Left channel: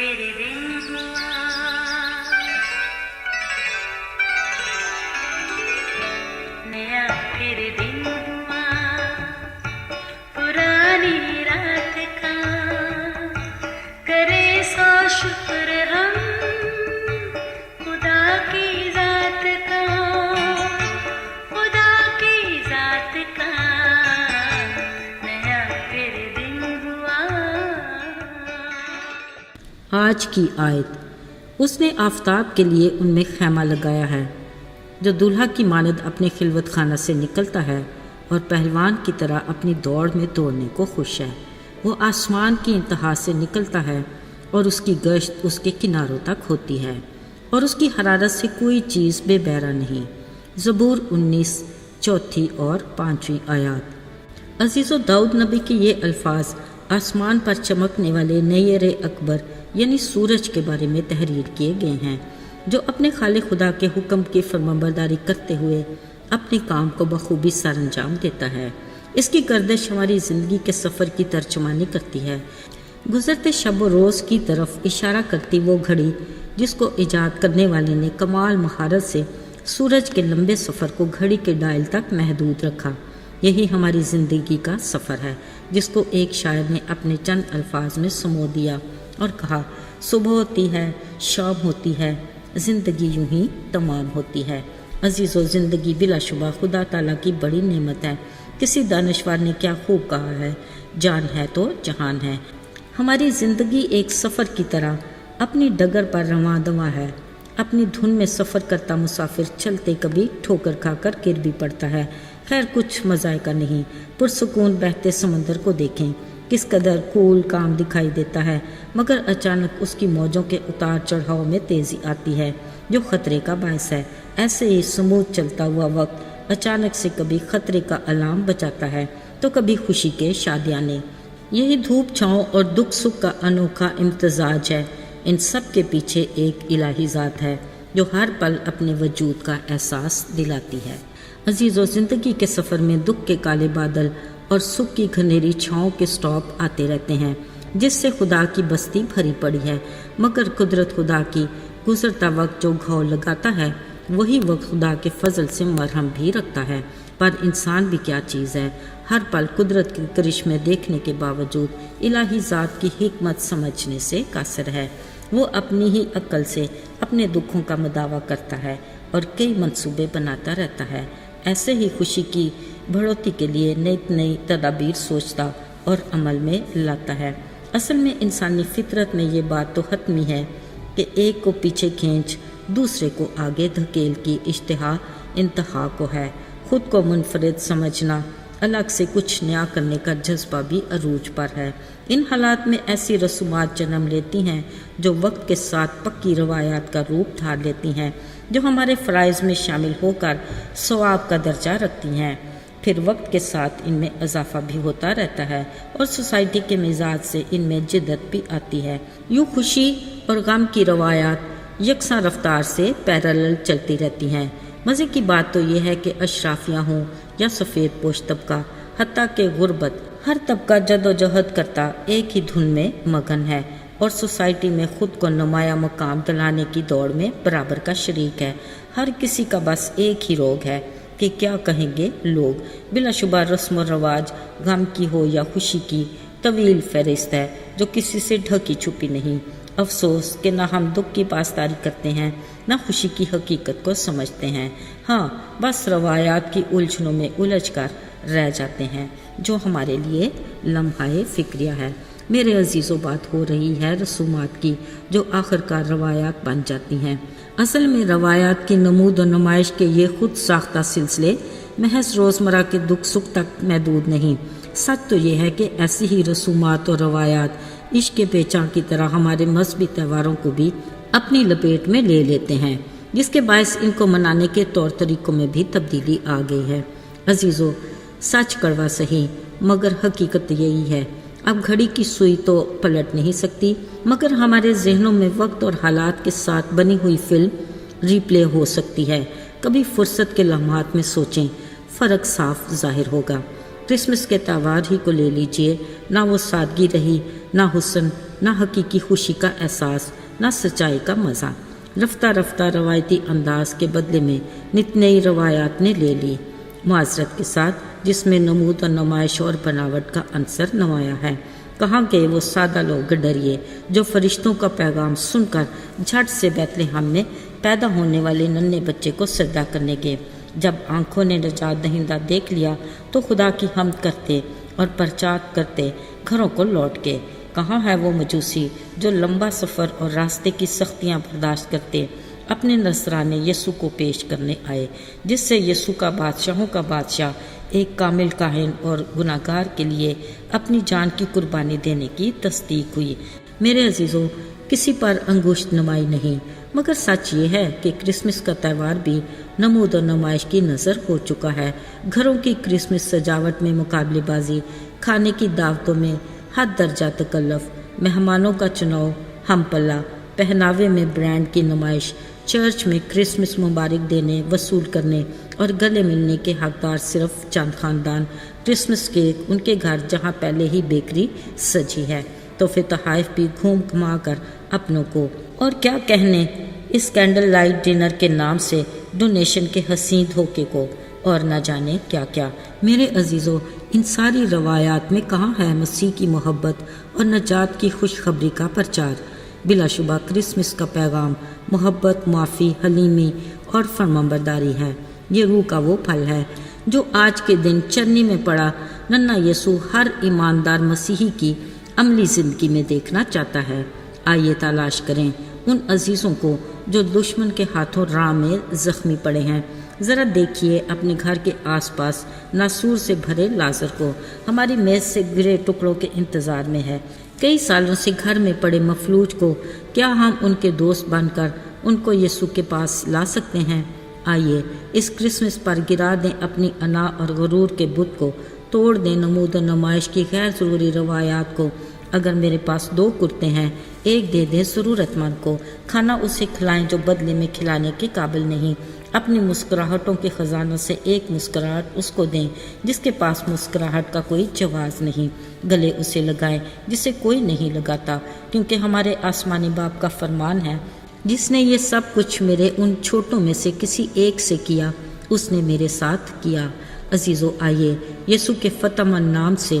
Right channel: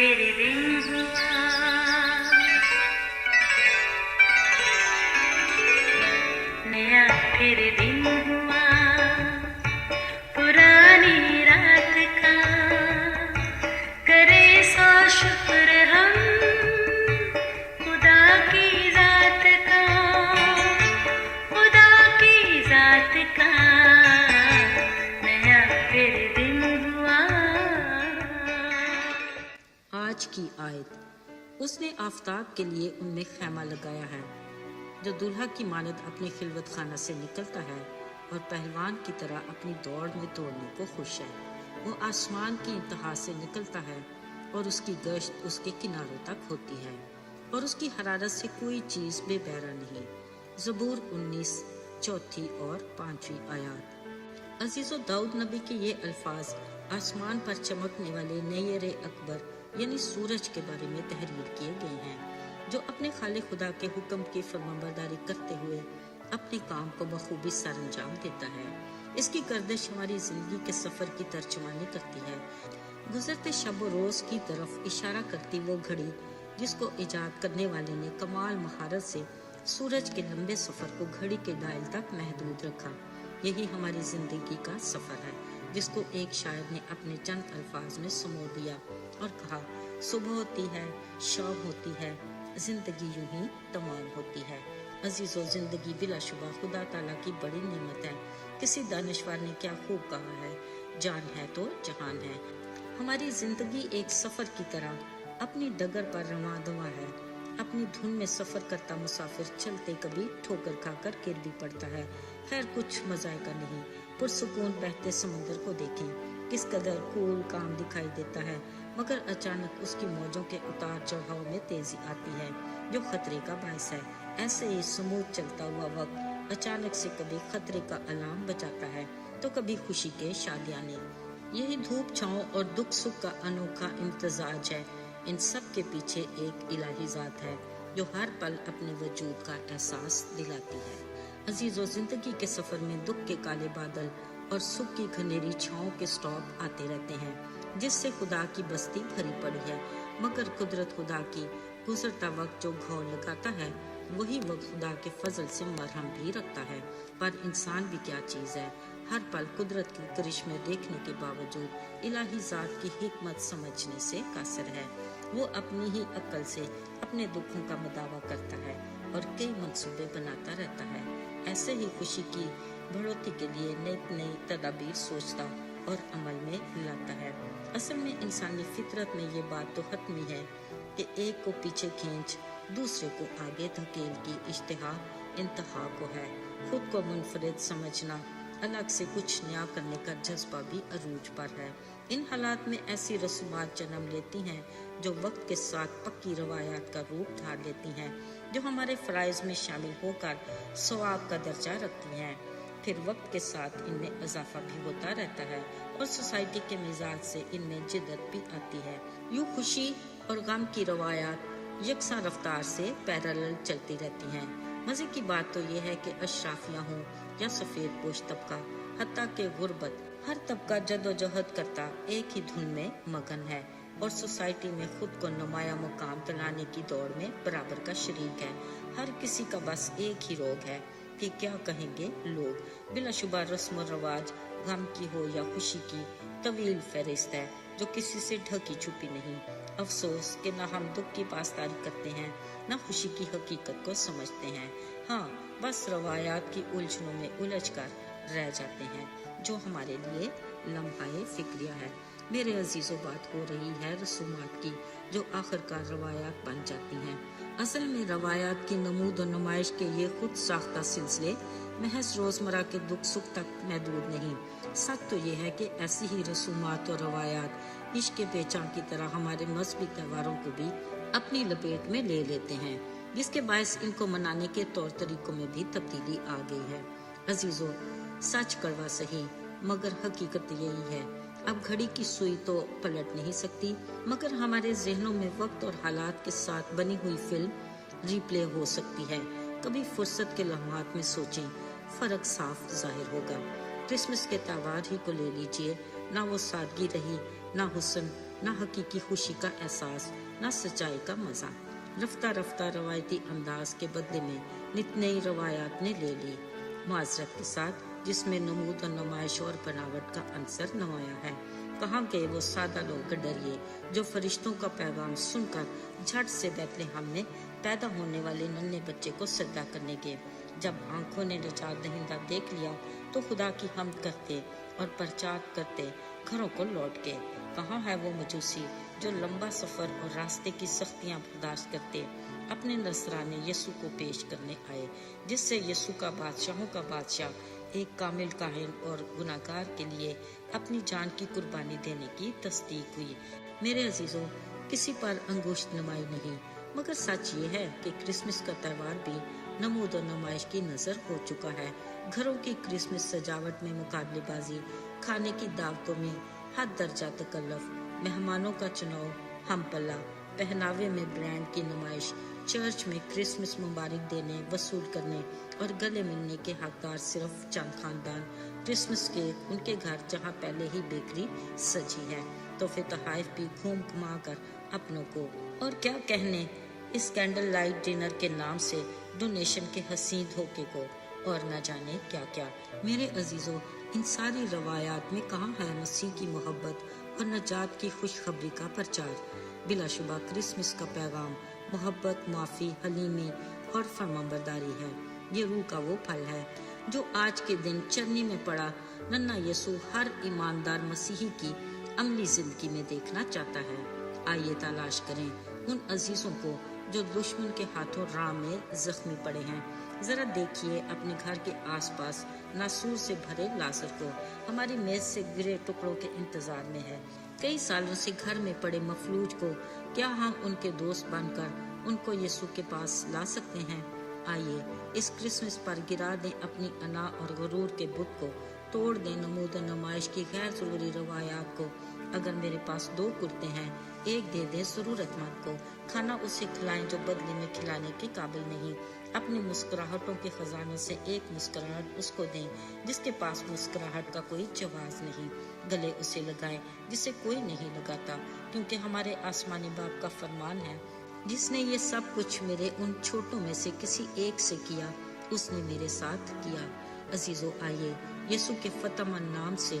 फिर दिन हुआ, नया फिर दिन हुआ, पुरानी रात का करे सो शुक्र हम खुदा की जात का, खुदा की जात का, नया फिर दिन हुआ। आज की आयत, उसने आफताब के लिए उनमें खैमा लगाया है। जो दूल्हा की मानद अपने खिलवत खाना से निकलता है और पहलवान की तरह अपनी दौड़ में दौड़ने को खुश है, वो आसमान की इंतहा से निकलता है और उसकी गश्त उसके किनारों तक होती है और उसकी हरारत से कोई चीज़ बेबैरा नहीं। ज़बूर 19 चौथी और 5वीं आयत। अजीज़ो, दाऊद नबी के ये अल्फाज आसमान पर चमकने वाले नैर अकबर यानी सूरज के बारे में तहरीर किए गए हैं, जो अपने खालिक खुदा के हुक्म की फरमाबरदारी करते हुए अपने काम को बखूबी सरअंजाम देता है। इसकी गर्दिश हमारी ज़िंदगी के सफ़र की तर्जुमानी करती है, गुज़रते शब व रोज़ की तरफ इशारा करती वो घड़ी जिसको ईजाद करने वाले ने कमाल महारत से सूरज के लंबे सफ़र को घड़ी के डायल तक महदूद रखा। यही हमारी ज़िंदगी का सफ़र है, जिसको एक शायर ने अपने चंद अल्फाज में समो दिया और कहा, सुबह होती है, शाम होती है, ज़िंदगी यूं ही तमाम होती है। अजीज़ो, ज़िंदगी बिलाशुबा खुदा ताला की बड़ी नेमत है। किसी दानिशवार ने क्या खूब कहा है, जान है तो जहान है। हमारी ज़िंदगी एक सफ़र की तरह अपनी डगर पर रवां दवा है। अपनी धुन में सफ़र करता मुसाफिर चलते कभी ठोकर खाकर गिर भी पड़ता है। खैर, कुछ मज़ायका नहीं। पुरसुकून बहते समंदर को देखें, किस कदर कूल काम दिखाई देता है, मगर अचानक उसकी मौजों के उतार चढ़ाव में तेज़ी आती है जो ख़तरे का बायस है। ऐसे ही स्मूथ चलता हुआ वक्त अचानक से कभी ख़तरे का अलार्म बजाता है तो कभी खुशी के शादियाने। यही धूप छाँव और दुख सुख का अनोखा इम्तजाज है। इन सब के पीछे एक इलाही ज़ात है जो हर पल अपने वजूद का एहसास दिलाती है। अजीज़ों, ज़िंदगी के सफ़र में दुख के काले बादल और सुख की घनेरी छाँव के स्टॉप आते रहते हैं, जिससे खुदा की बस्ती भरी पड़ी है। मगर कुदरत खुदा की गुजरता वक्त जो घाव लगाता है, वही वक्त खुदा के फजल से मरहम भी रखता है। पर इंसान भी क्या चीज़ है, हर पल कुदरत के करिश्मे देखने के बावजूद इलाही ज़ात की हिकमत समझने से कासिर है। वो अपनी ही अक्ल से अपने दुखों का मदावा करता है और कई मंसूबे बनाता रहता है। ऐसे ही खुशी की बढ़ोतरी के लिए नई नई तदाबीर सोचता और अमल में लाता है। असल में इंसानी फितरत में ये बात तो हतमी है कि एक को पीछे खींच दूसरे को आगे धकेल की इश्तिहा इंतहा को है। खुद को मुनफरिद समझना, अलग से कुछ नया करने का जज्बा भी अरूज पर है। इन हालात में ऐसी रसूमात जन्म लेती हैं जो वक्त के साथ पक्की रवायात का रूप धार लेती हैं, जो हमारे फ़राइज़ में शामिल होकर सवाब का दर्जा रखती हैं। फिर वक्त के साथ इनमें इजाफा भी होता रहता है और सोसाइटी के मिजाज से इनमें जिद्दत भी आती है। यूँ खुशी और गम की रवायात यकसां रफ्तार से पैरेलल चलती रहती हैं। मज़े की बात तो यह है कि अशराफियाँ हों या सफ़ेद पोश तबका, हत्ता के गुर्बत, हर तबका जदोजहद करता एक ही धुन में मगन है और सोसाइटी में ख़ुद को नुमाया मकाम दिलाने की दौड़ में बराबर का शरीक है। हर किसी का बस एक ही रोग है कि क्या कहेंगे लोग। बिलाशुबा रस्म व रवाज, गम की हो या खुशी की, तवील फहरिस्त है जो किसी से ढकी छुपी नहीं। अफसोस कि ना हम दुख की पासदारी करते हैं, ना खुशी की हकीकत को समझते हैं। हाँ, बस रवायात की उलझनों में उलझ कर रह जाते हैं जो हमारे लिए लम्हाए फ़िक्रिया है। मेरे अजीज़ों, बात हो रही है रसूमात की जो आखिरकार रवायात बन जाती हैं। असल में रवायात की नमूद और नुमाइश के ये खुद साख्ता सिलसिले महज रोज़मर्रा के दुख सुख तक महदूद नहीं। सच तो ये है कि ऐसी ही रसूमात और रवायात इश्क के पेचां की तरह हमारे मजहबी त्योहारों को भी अपनी लपेट में ले लेते हैं, जिसके बायस इनको मनाने के तौर तरीकों में भी तब्दीली आ गई है। अजीज़ों, सच कड़वा सही मगर हकीकत यही है। अब घड़ी की सुई तो पलट नहीं सकती, मगर हमारे जहनों में वक्त और हालात के साथ बनी हुई फिल्म रिप्ले हो सकती है। कभी फुर्सत के लम्हात में सोचें, फ़र्क साफ जाहिर होगा। क्रिसमस के त्यौहार ही को ले लीजिए, ना वो सादगी रही, ना हुस्न, نہ حقیقی خوشی کا احساس، نہ سچائی کا مزہ۔ رفتہ رفتہ روایتی انداز کے بدلے میں نت نئی روایات نے لے لی، معذرت کے ساتھ، جس میں نمود و نمائش اور بناوٹ کا عنصر نمایاں ہے۔ کہاں گئے وہ سادہ لوگ ڈریے جو فرشتوں کا پیغام سن کر جھٹ سے بیت لحم میں پیدا ہونے والے ننھے بچے کو سجدہ کرنے گئے؟ جب آنکھوں نے نجات دہندہ دیکھ لیا تو خدا کی حمد کرتے اور پرچات کرتے گھروں کو لوٹ گئے۔ کہاں ہے وہ مجوسی جو لمبا سفر اور راستے کی سختیاں برداشت کرتے اپنے نذرانے یسوع کو پیش کرنے آئے، جس سے یسوع کا بادشاہوں کا بادشاہ ایک کامل کاہن اور گناہگار کے لیے اپنی جان کی قربانی دینے کی تصدیق ہوئی۔ میرے عزیزوں، کسی پر انگشت نمائی نہیں، مگر سچ یہ ہے کہ کرسمس کا تہوار بھی نمود و نمائش کی نظر ہو چکا ہے۔ گھروں کی کرسمس سجاوٹ میں مقابلے بازی، کھانے کی دعوتوں میں حد درجہ تکلف، مہمانوں کا چناؤ ہم پلہ، پہناوے میں برانڈ کی نمائش، چرچ میں کرسمس مبارک دینے وصول کرنے اور گلے ملنے کے حقدار صرف چند خاندان، کرسمس کیک ان کے گھر جہاں پہلے ہی بیکری سجی ہے، تحفے تحائف بھی گھوم گھما کر اپنوں کو، اور کیا کہنے اس کینڈل لائٹ ڈنر کے نام سے ڈونیشن کے حسین دھوکے کو، اور نہ جانے کیا کیا۔ میرے عزیزوں، ان ساری روایات میں کہاں ہے مسیح کی محبت اور نجات کی خوشخبری کا پرچار؟ بلا شبہ کرسمس کا پیغام محبت، معافی، حلیمی اور فرمانبرداری ہے۔ یہ روح کا وہ پھل ہے جو آج کے دن چرنی میں پڑا ننھا یسوع ہر ایماندار مسیحی کی عملی زندگی میں دیکھنا چاہتا ہے۔ آئیے تلاش کریں ان عزیزوں کو جو دشمن کے ہاتھوں راہ میں زخمی پڑے ہیں۔ ذرا دیکھیے اپنے گھر کے آس پاس ناسور سے بھرے لازر کو، ہماری میز سے گرے ٹکڑوں کے انتظار میں ہے۔ کئی سالوں سے گھر میں پڑے مفلوج کو کیا ہم ان کے دوست بن کر ان کو یسوع کے پاس لا سکتے ہیں؟ آئیے اس کرسمس پر گرا دیں اپنی انا اور غرور کے بت کو، توڑ دیں نمود و نمائش کی غیر ضروری روایات کو۔ اگر میرے پاس 2 کرتے ہیں، ایک دے دیں ضرورت مند کو، کھانا اسے کھلائیں جو بدلے میں کھلانے کے قابل نہیں۔ اپنی مسکراہٹوں کے خزانوں سے ایک مسکراہٹ اس کو دیں جس کے پاس مسکراہٹ کا کوئی جواز نہیں۔ گلے اسے لگائیں جسے کوئی نہیں لگاتا، کیونکہ ہمارے آسمانی باپ کا فرمان ہے، جس نے یہ سب کچھ میرے ان چھوٹوں میں سے کسی ایک سے کیا، اس نے میرے ساتھ کیا۔ عزیزو، آئیے یسوع کے فتح مند نام سے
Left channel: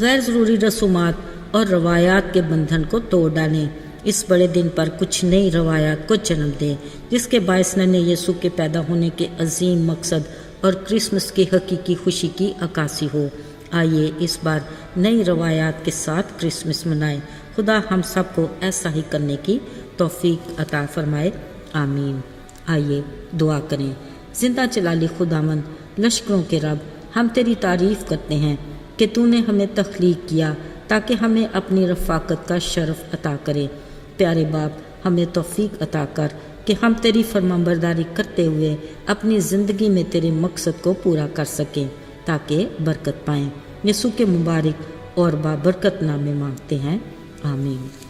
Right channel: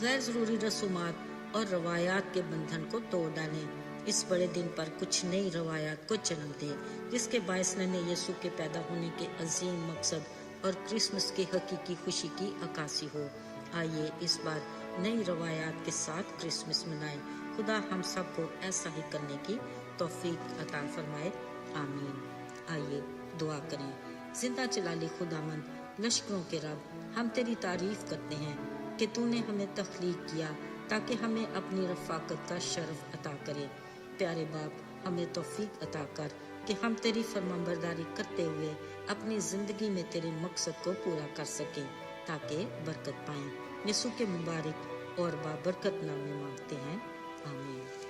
غیر ضروری رسومات اور روایات کے بندھن کو توڑ ڈالیں۔ اس بڑے دن پر کچھ نئی روایات کو جنم دیں جس کے باعث ننھے یسوع کے پیدا ہونے کے عظیم مقصد اور کرسمس کی حقیقی خوشی کی عکاسی ہو۔ آئیے اس بار نئی روایات کے ساتھ کرسمس منائیں۔ خدا ہم سب کو ایسا ہی کرنے کی توفیق عطا فرمائے، آمین۔ آئیے دعا کریں۔ زندہ جلالی خداوند، لشکروں کے رب، ہم تیری تعریف کرتے ہیں کہ تو نے ہمیں تخلیق کیا تاکہ ہمیں اپنی رفاقت کا شرف عطا کرے۔ پیارے باپ، ہمیں توفیق عطا کر کہ ہم تیری فرمانبرداری کرتے ہوئے اپنی زندگی میں تیرے مقصد کو پورا کر سکیں تاکہ برکت پائیں۔ یسوع کے مبارک اور بابرکت نام میں مانگتے ہیں، آمین۔